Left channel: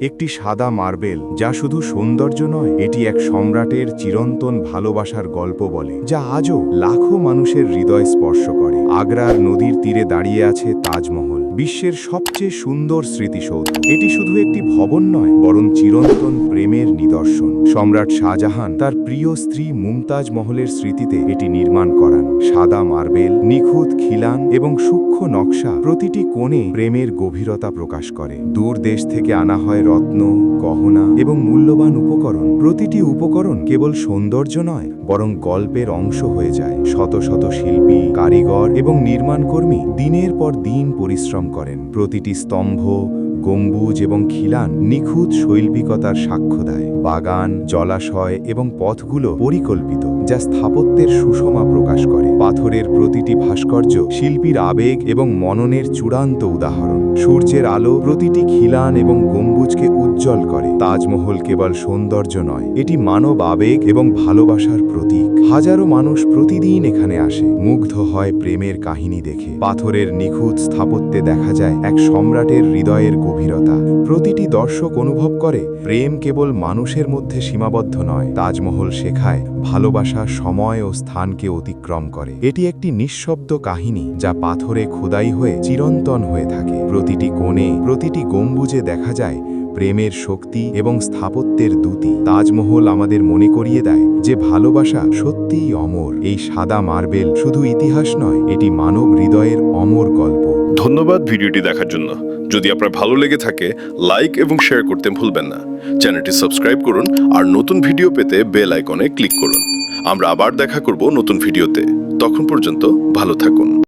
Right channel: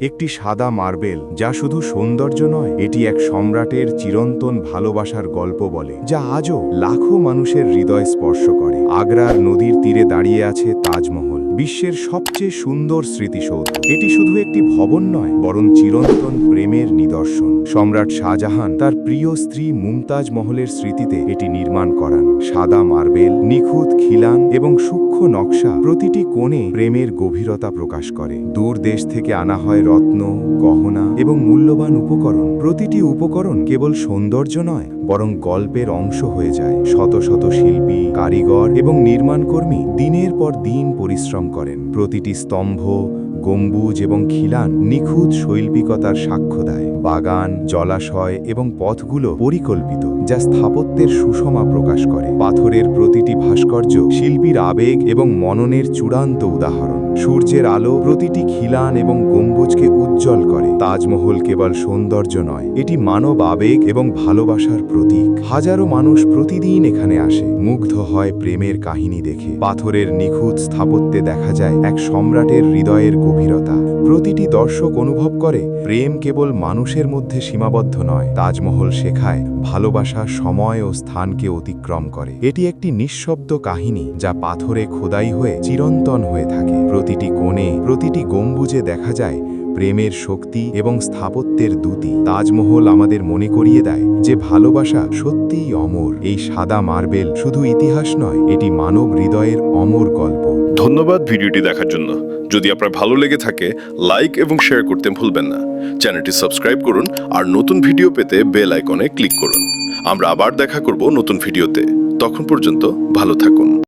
একটি সাদা মার্বেল যা শুধু সৌন্দর্য নয়, এটি এক সম্রাটের চিরন্তন ভালোবাসার গল্প বলে, যা আজও লাখো মানুষের হৃদয় স্পর্শ করে। আগ্রার নদীর তীরে দাঁড়িয়ে আছে তাজমহল, বিশ্বের সবচেয়ে সুন্দর স্মৃতিসৌধ। এটি শুধু একটি ভবন নয়, বরং চিরন্তন প্রেমের নিদর্শন। সম্রাট শাহজাহান তার প্রিয় স্ত্রী মুমতাজ মহলের স্মৃতিতে এটি নির্মাণ করান। সাদা মার্বেল, নিখুঁত খিলান এবং সূক্ষ্ম নকশা প্রতিটি কোণে প্রেমের গভীরতা প্রকাশ করে। দূর দেশ থেকে আনা হয় রত্ন, গহনা এবং মূল্যবান উপকরণ। প্রতিটি উপকরণ কেবল সৌন্দর্য নয়, বরং গল্পের অংশ হয়ে যায়। শত শত শিল্পী, কারিগর এবং নির্মাণকর্মী দিনের পর দিন পরিশ্রম করেন। প্রতিটি স্তম্ভ, গম্বুজ এবং খিলান নিখুঁত শৈল্পিকতার সাক্ষ্য দেয়। বাগান, জলাশয় এবং পথগুলো পরিকল্পিত, যা স্থাপত্যের সুষমা প্রকাশ করে। পাথরের প্রতিটি ভাস্কর্য শিল্পীর আবেগ এবং মননের চূড়ান্ত উদাহরণ। সূর্যের আলো প্রতিটি খিলান এবং গম্বুজকে উজ্জ্বল করে। তাজমহল কেবল সৌন্দর্য নয়, এটি মানব আবেগ এবং ভালোবাসার প্রতীক। হাজারো মানুষ প্রতিদিন এখানে আসে, মুগ্ধ হয় প্রেমের কাহিনী দেখে। পাথরের নিখুঁত স্থাপত্যে দেখা যায় এক সম্রাটের হৃদয়ের গভীরতা। প্রতিটি দর্শক অনুভব করে প্রেম কেবল মানুষের মধ্যে সীমাবদ্ধ নয়, তাজমহল শেখায় ভালোবাসা সময় ও স্থানকে অতিক্রম করে। এটি একটি নিঃশব্দ কাহিনী, যা পাথরে খোদাই হয়ে চিরন্তন হয়ে থাকে। প্রতিটি কোণে, প্রতিটি গম্বুজে দেখা যায় প্রেমের শক্তি এবং স্থাপত্যের দ্যুতি। তাজমহল আমাদের মনে করিয়ে দেয় যে ভালোবাসা সত্যিই অমর। এই সাদা মার্বেল শুধু ইতিহাস নয়, এটি মানব হৃদয়ের অমর গল্প। ধন্যবাদ ভিডিওটি দেখার জন্য। যদি আপনার ভালো লেগে থাকে, লাইক এবং শেয়ার করতে ভুলবেন না। চ্যানেলটি সাবস্ক্রাইব করুন আর নতুন ভিডিও পেতে বেল আইকনে ক্লিক করুন। আমরা আবার দেখা করব নতুন ভিডিওতে। তখন পর্যন্ত ভালো থাকুন।